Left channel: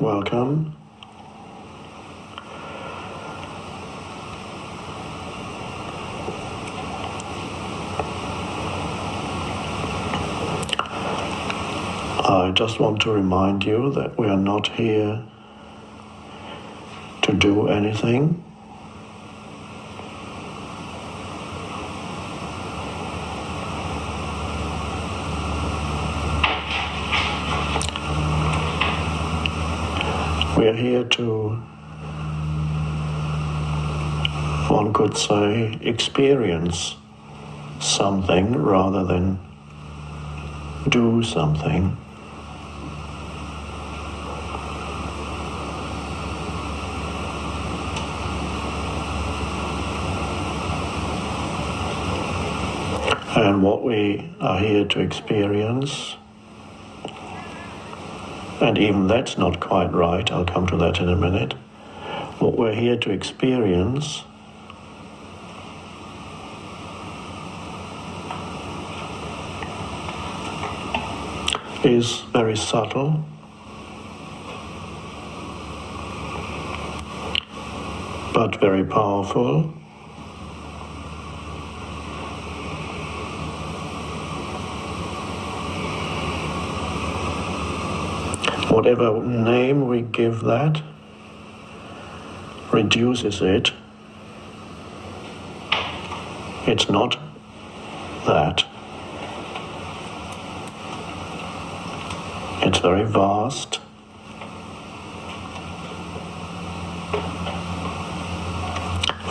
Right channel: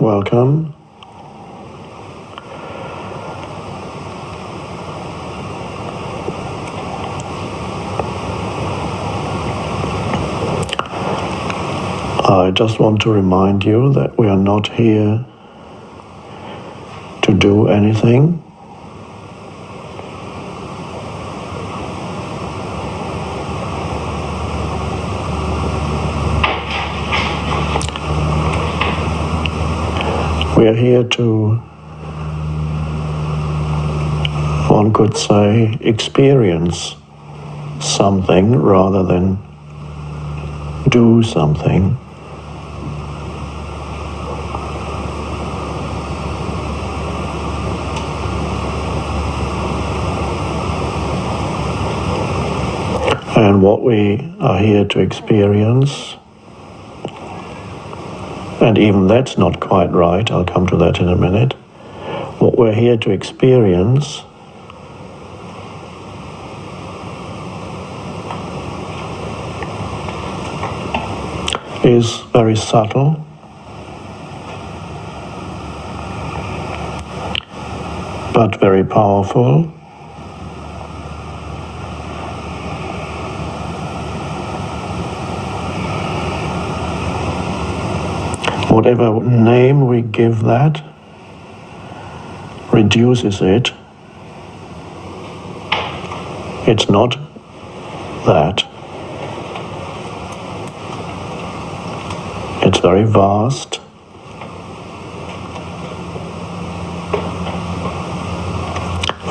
Welcome. I just want to remind you that we are not here to do anything. We are here to, one could say, experience something rather than do something. And what we are here to experience, and even that's not quite right, I'll come to that in a minute. What we're here to experience is very subtle, but very powerful. Whatever name we give that reduces it. It's not that. It's very vast.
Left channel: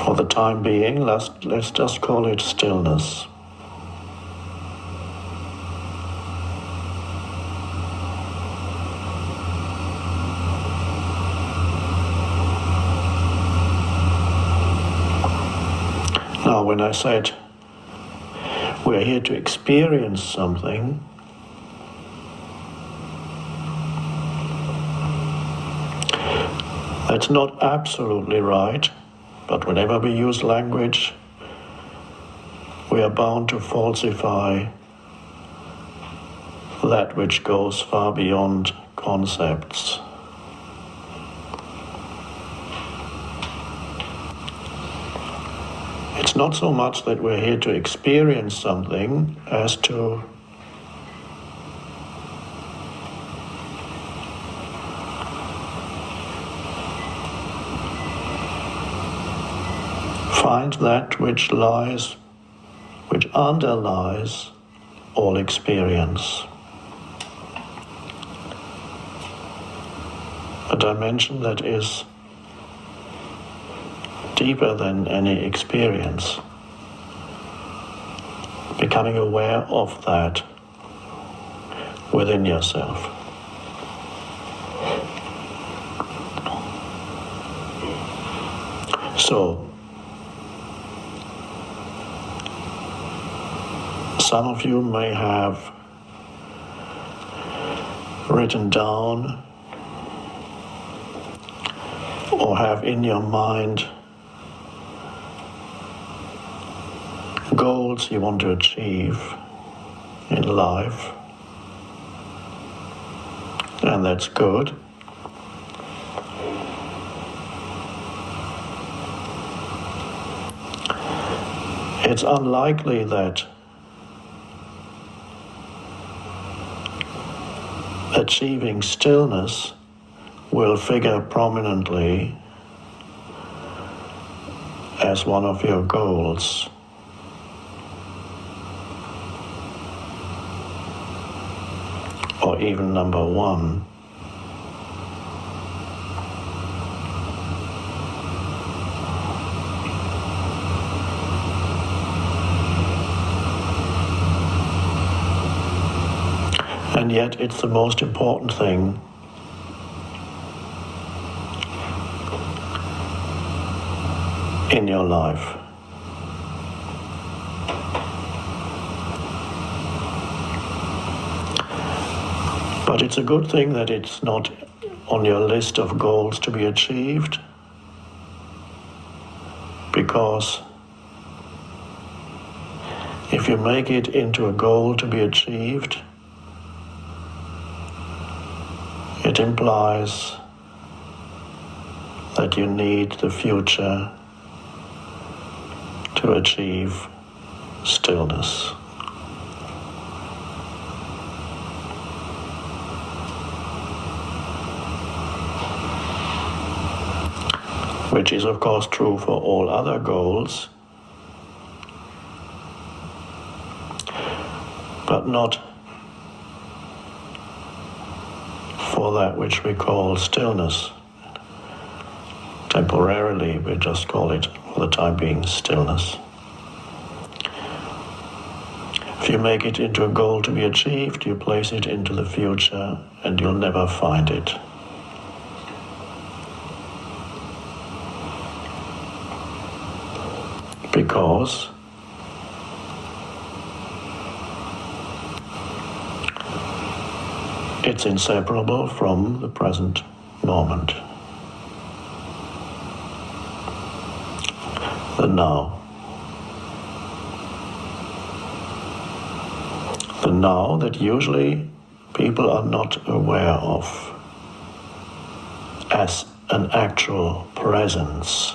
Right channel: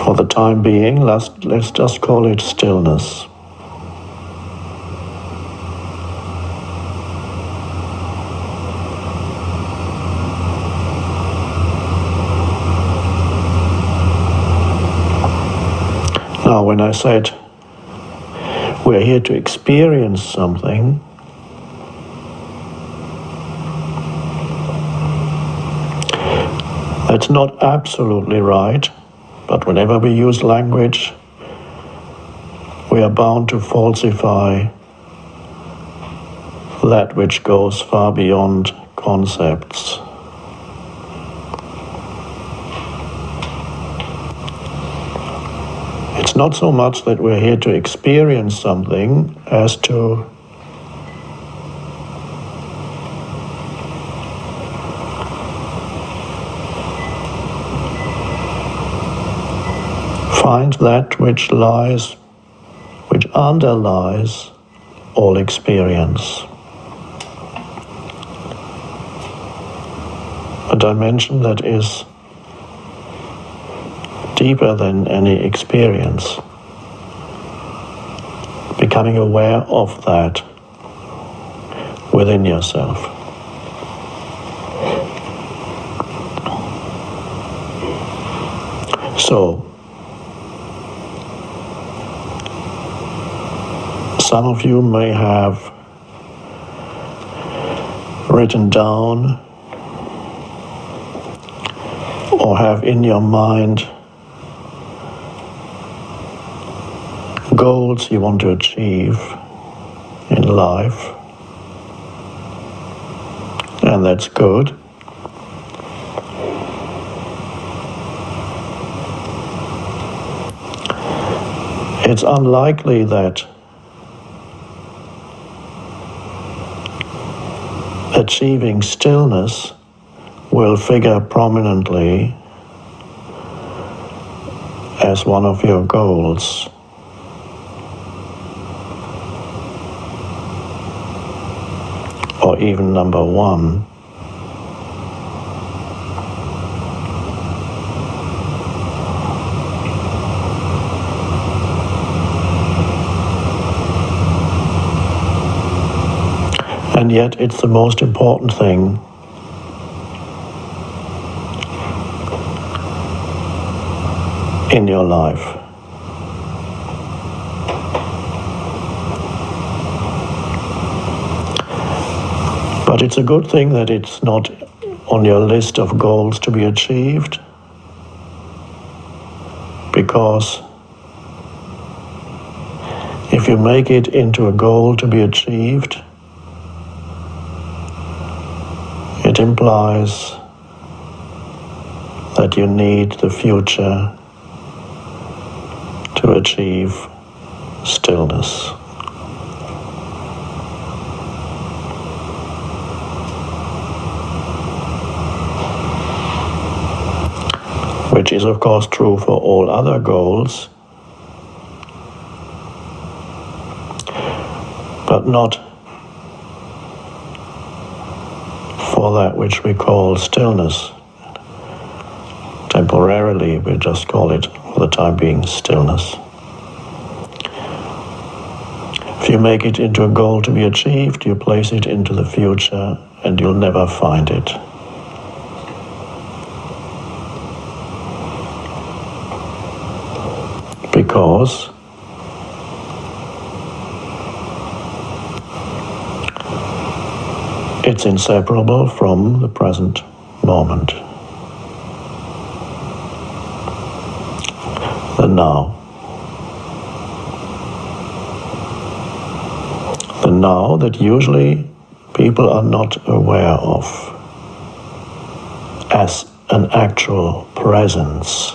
For the time being, let's just call it stillness. Now, when I said we're here to experience something, that's not absolutely right, but whenever we use language, we are bound to falsify that which goes far beyond concepts. It's not so much that we're here to experience something as to find that which underlies all experience. A dimension that is deeper than any experience. Becoming aware of that within yourself. So, some of you may have written down or have in your mind goals you want to achieve in life, and that's good. It's unlikely that achieving stillness will figure prominently as one of your goals. Or even number one. And yet it's the most important thing. In your life. But it's a good thing that it's not on your list of goals to be achieved, because if you make it into a goal to be achieved, it implies that you need the future to achieve stillness. Which is of course true for all other goals, but not for that which we call stillness. Temporarily, we just call it, for the time being, stillness. If you make it into a goal to be achieved, you place it into the future and you'll never find it. Because it's inseparable from the present moment, the now. The now that usually people are not aware of as an actual presence.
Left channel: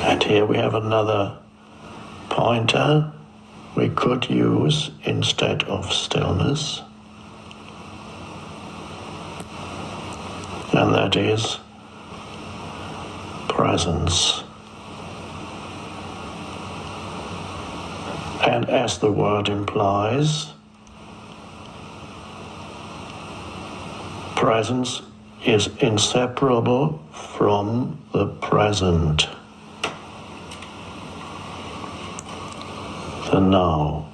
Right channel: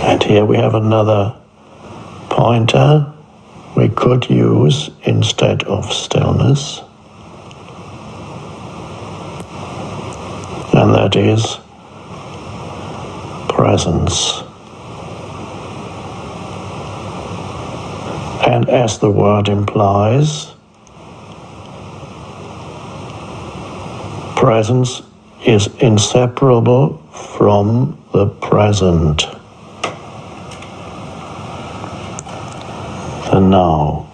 And here we have another pointer we could use instead of stillness, and that is presence. And as the word implies, presence is inseparable from the present, the now.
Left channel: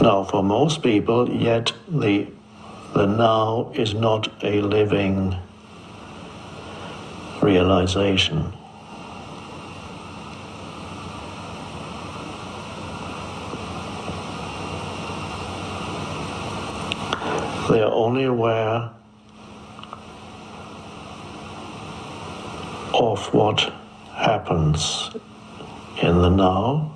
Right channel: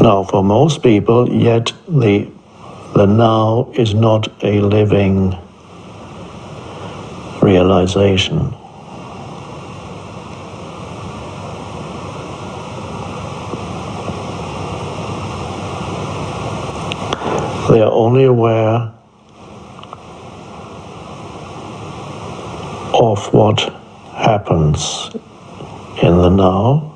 Now, for most people, yet the now is not a living realization. They are only aware of what happens in the now.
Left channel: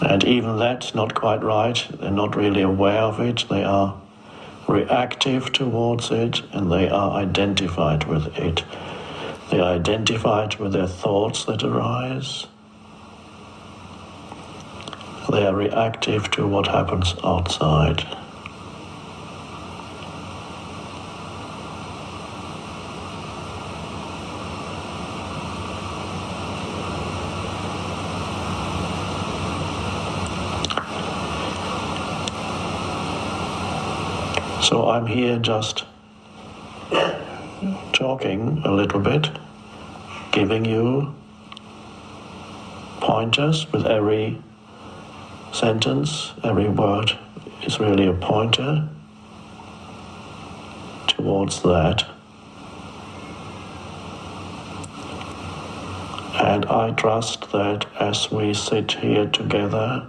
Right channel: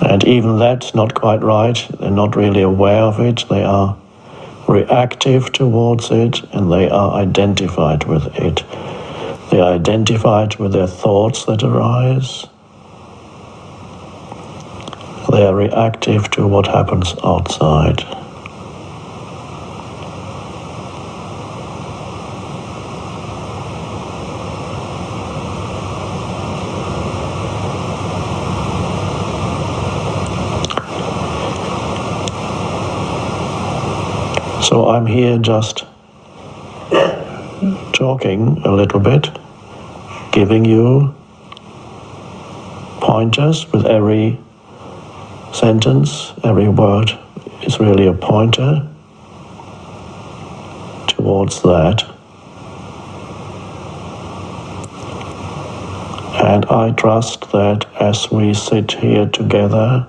And even that's not quite right. They're not really aware of it. They are reactive towards it, and they are identified with it. They are identified with their thoughts that arise. They are reactive to what happens outside. So I'm here just talking a little bit, giving you pointers with every sentence. Every word is really a pointer towards that. And I trust that as we sit here together,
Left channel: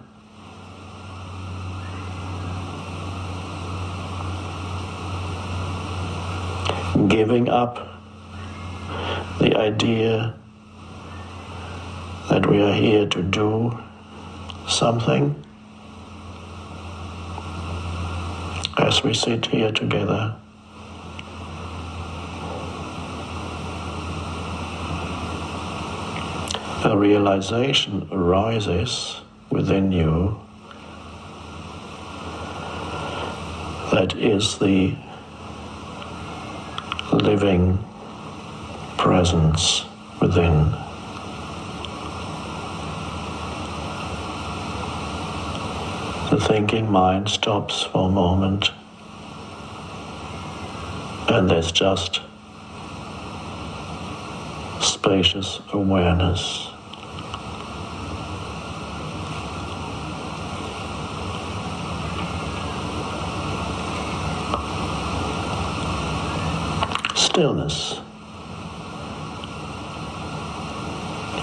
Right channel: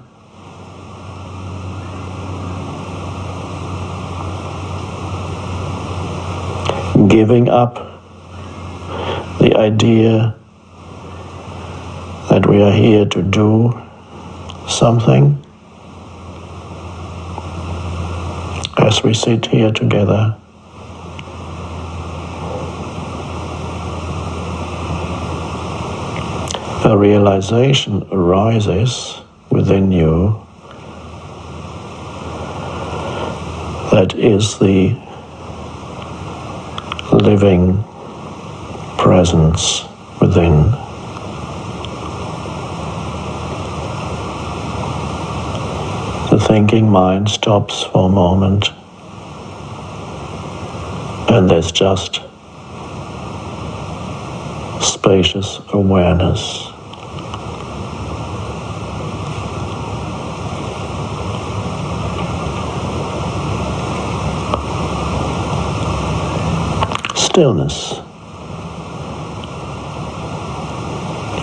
giving up the idea that we are here to do something, as we sit here together, a realization arises within you that is the living presence within. The thinking mind stops for a moment, and there's just spacious awareness. Stillness.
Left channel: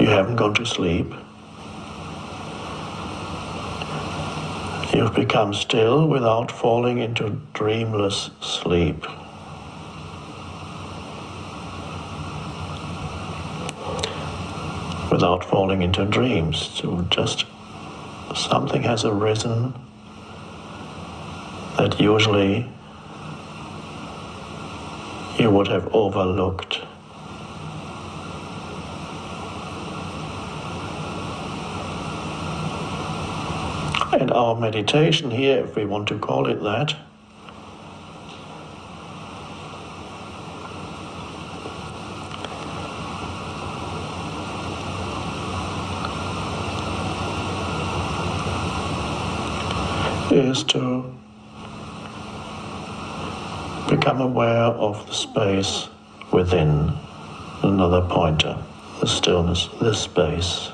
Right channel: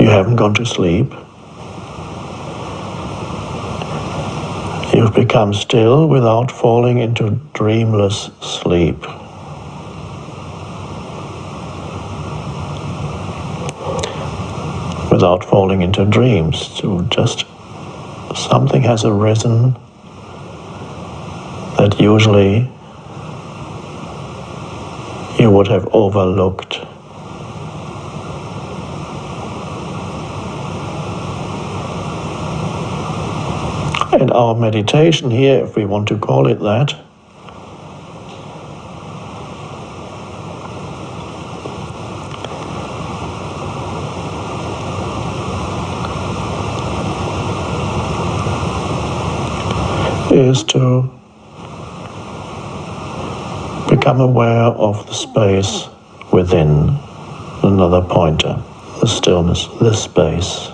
You haven't gone to sleep. You've become still without falling into dreamless sleep. Without falling into dreams. So just something has arisen that usually you would have overlooked. And our meditation here, if we want to call it that, is to become aware of the space within. Another pointer, the stillness, this space.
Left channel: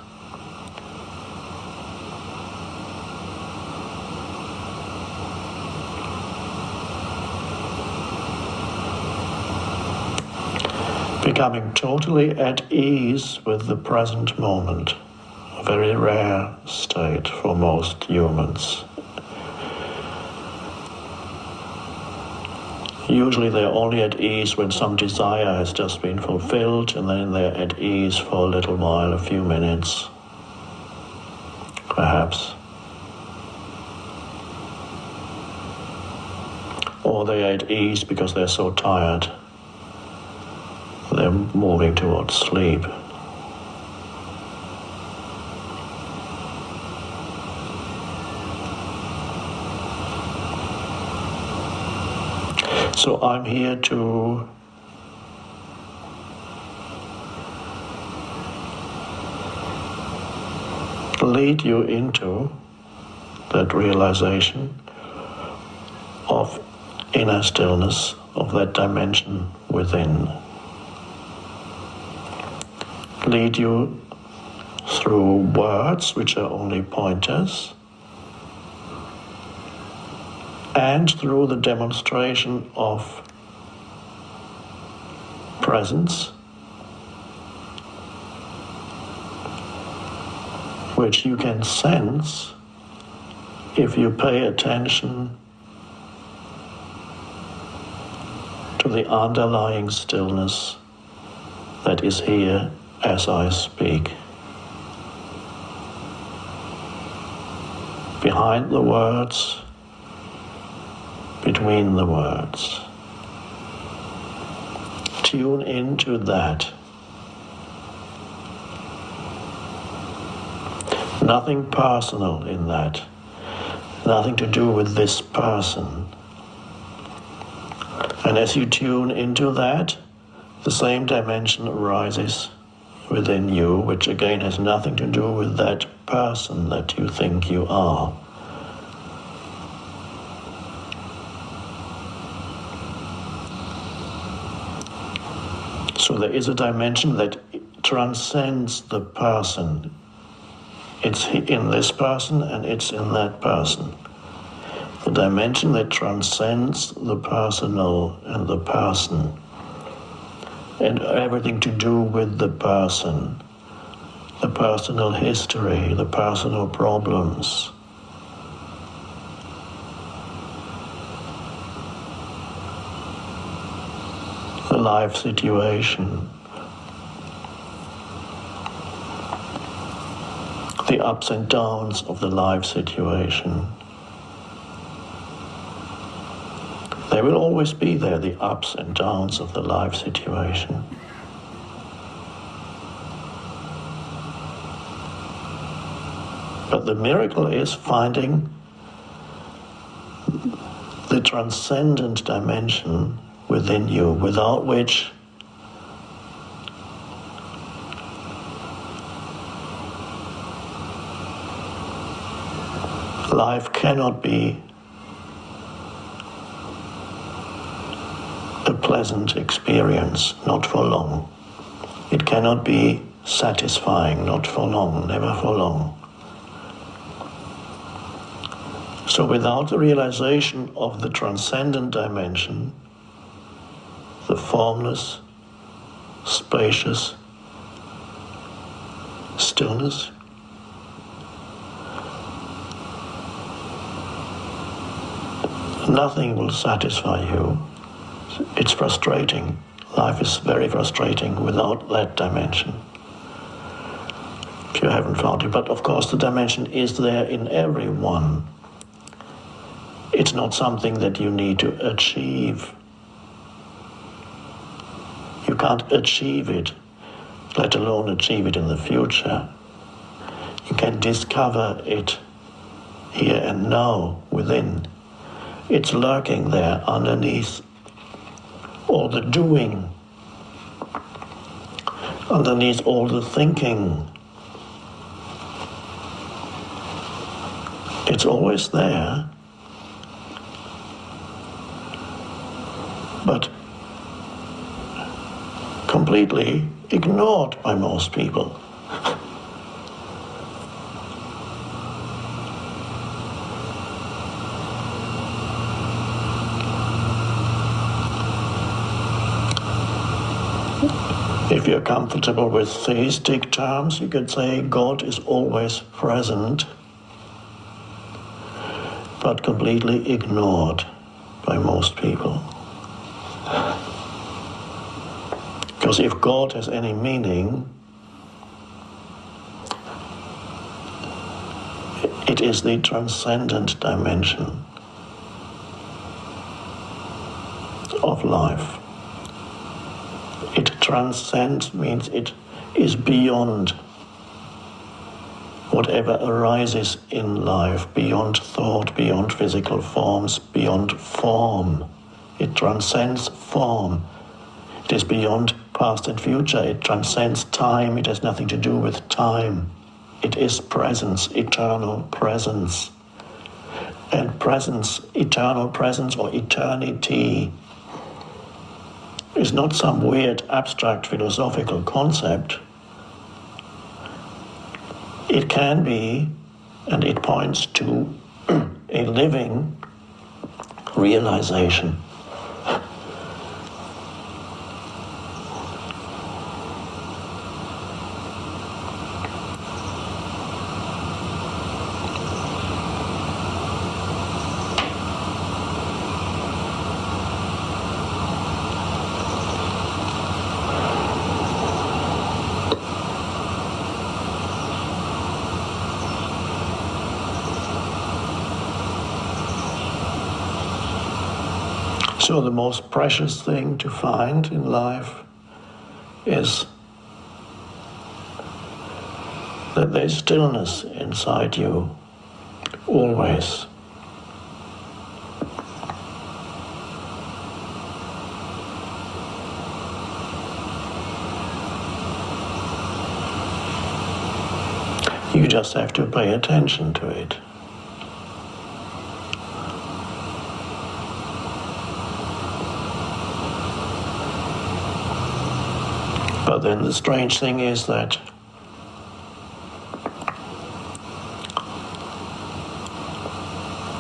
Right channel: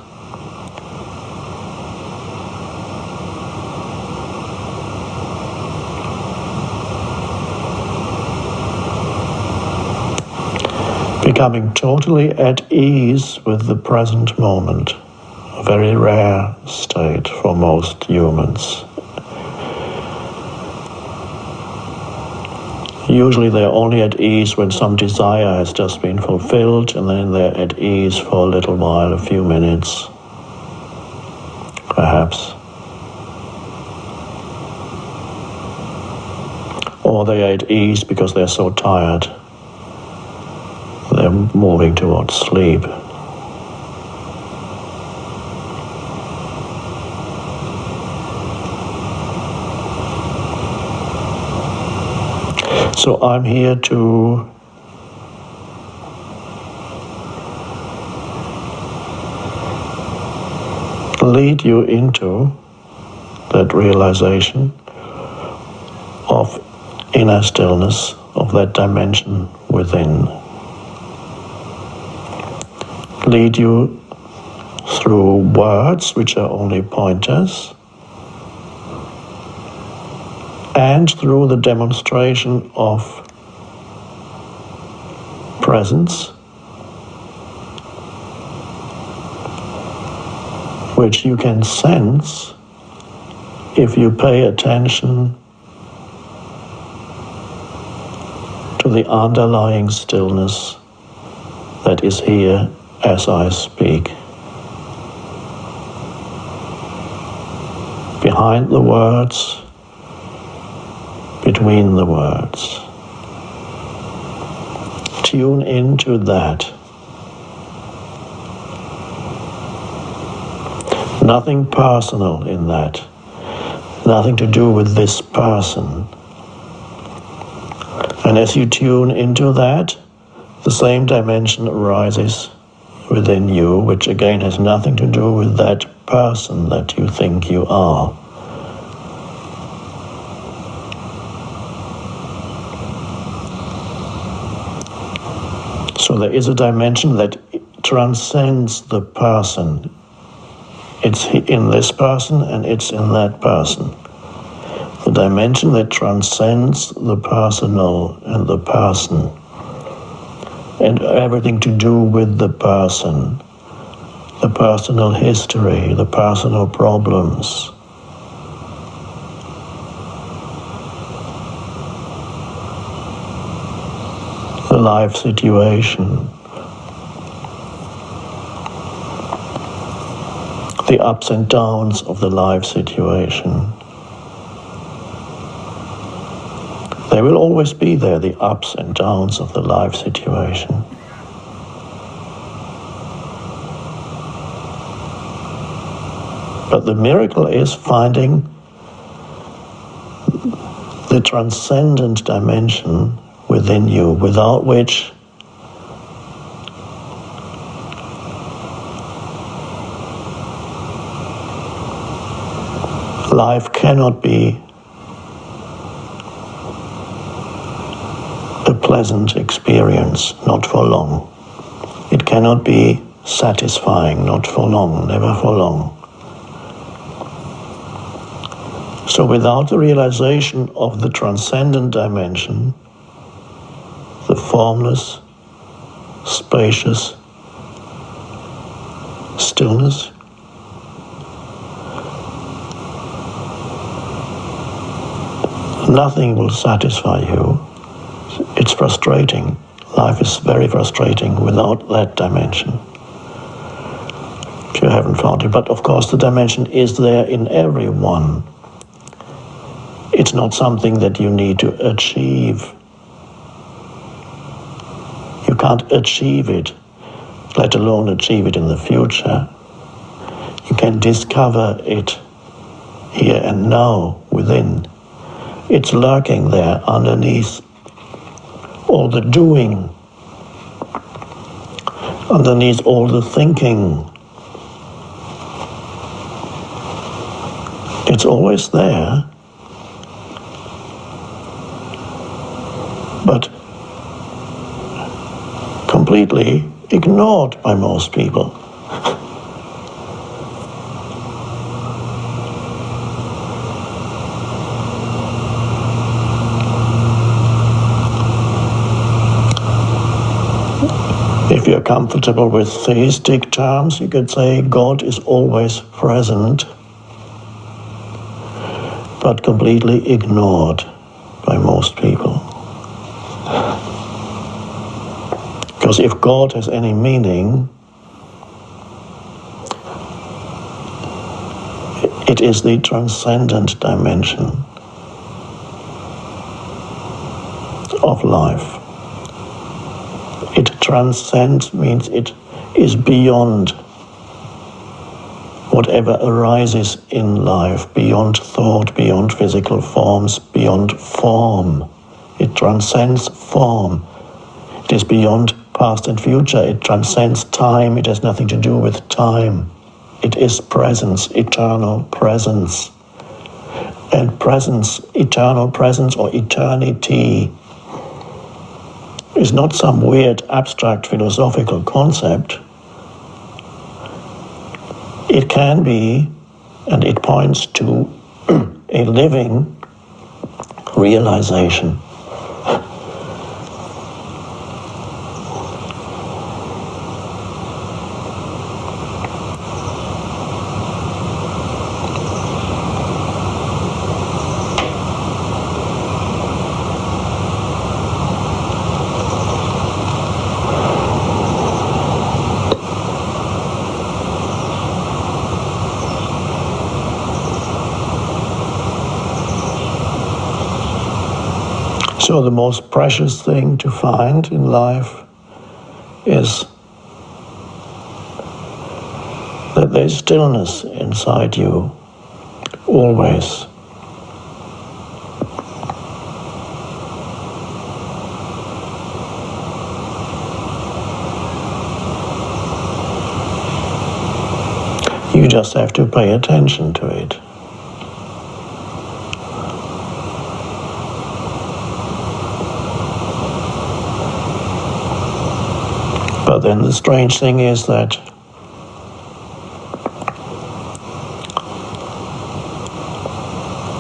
Becoming totally at ease with the present moment, a very rare state for most humans. Usually they're only at ease when some desire has just been fulfilled, and then they're at ease for a little while, a few minutes, perhaps. Or they're at ease because they're so tired. They're moving towards sleep. So I'm here to lead you into that realization of inner stillness, of that dimension within. Lead you through words which are only pointers, and through the demonstration of presence, which you can sense if you pay attention to the underlying stillness that is here as I speak. Behind the words, between the words. Tune into that. Nothing personal in that. Nothing to do with this person. And as you tune into that, the same dimension arises within you, which again has nothing to do with that person that you think you are. So there is a dimension that transcends the person. It's in this person and it's in that person. The dimension that transcends the personal and the person and everything to do with the person, the personal history, the personal problems. The life situation, the ups and downs of the life situation. They will always be there, the ups and downs of the life situation. But the miracle is finding the transcendent dimension within you, without which life cannot be a pleasant experience, not for long. It cannot be satisfying, not for long, never for long. So without the realization of the transcendent dimension, the formless, spacious stillness, Nothing will satisfy you. It's frustrating. Life is very frustrating without that dimension, if you haven't found it. But of course the dimension is there in everyone. It's not something that you need to achieve. You can't achieve it, let alone achieve it in the future. You can discover it here and now within. It's lurking there underneath all the doing, underneath all the thinking. It's always there, but completely ignored by most people. If you're comfortable with theistic terms, you could say God is always present, but completely ignored by most people. Because if God has any meaning, it is the transcendent dimension of life. It transcends means it is beyond whatever arises in life, beyond thought, beyond physical forms, beyond form. It transcends form. It is beyond past and future. It transcends time. It has nothing to do with time. It is presence, eternal presence. And presence, eternal presence or eternity is not some weird abstract philosophical concept. It can be, and it points to a living realization. So the most precious thing to find in life is that there's stillness inside you, always. You just have to pay attention to it. But then the strange thing is that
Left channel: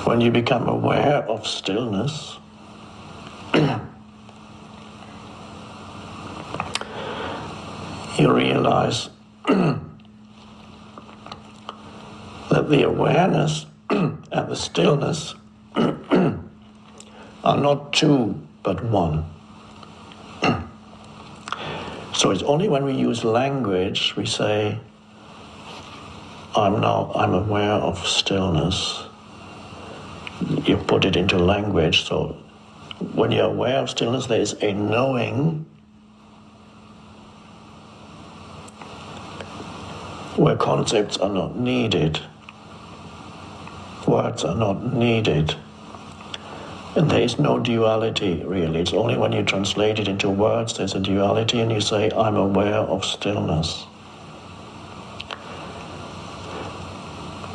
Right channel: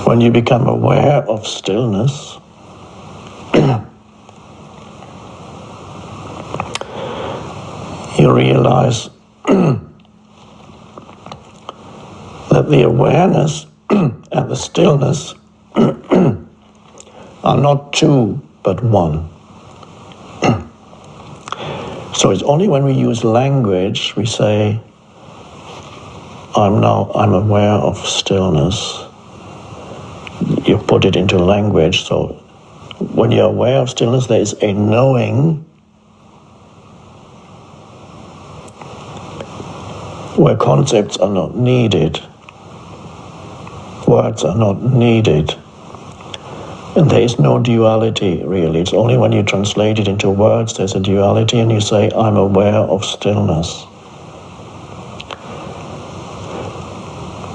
when you become aware of stillness, you realize that the awareness and the stillness are not two, but one. So it's only when we use language, we say, I'm aware of stillness. You put it into language, so when you're aware of stillness, there is a knowing where concepts are not needed, words are not needed, and there is no duality really. It's only when you translate it into words there's a duality and you say, I'm aware of stillness.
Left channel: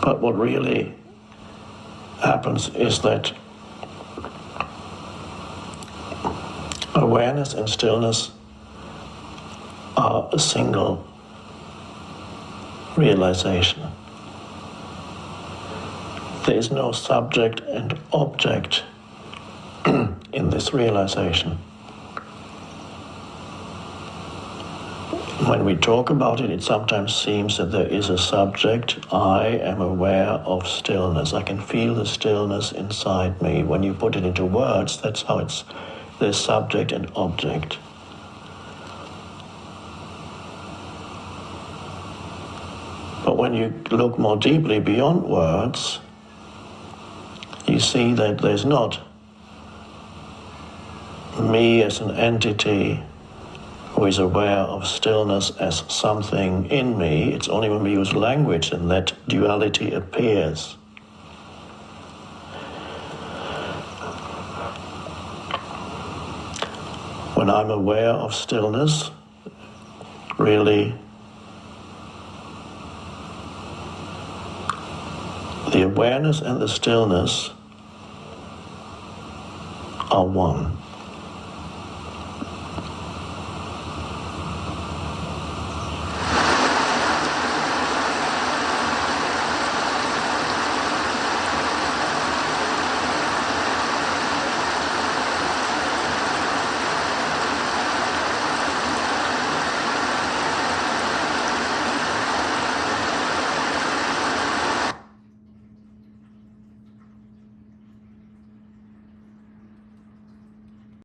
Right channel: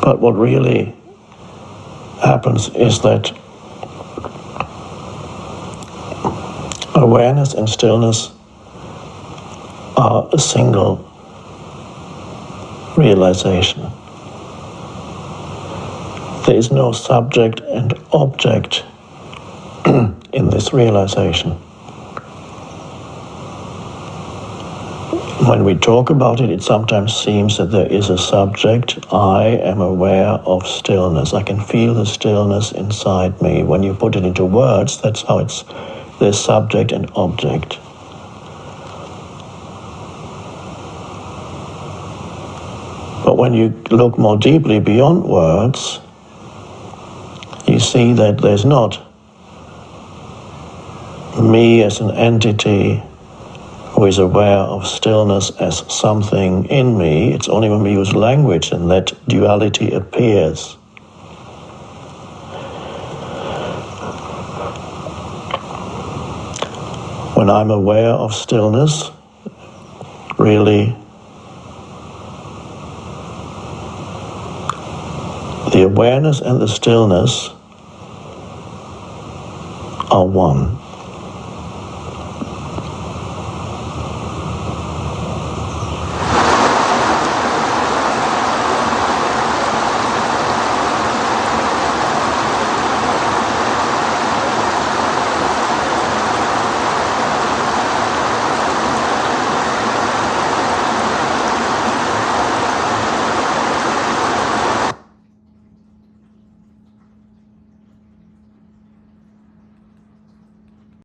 But what really happens is that awareness and stillness are a single realization. There is no subject and object in this realization. When we talk about it, it sometimes seems that there is a subject. I am aware of stillness. I can feel the stillness inside me. When you put it into words, that's how it's, there's subject and object. But when you look more deeply beyond words, you see that there's not me as an entity who is aware of stillness as something in me. It's only when we use language and that duality appears. When I'm aware of stillness, really, the awareness and the stillness are one.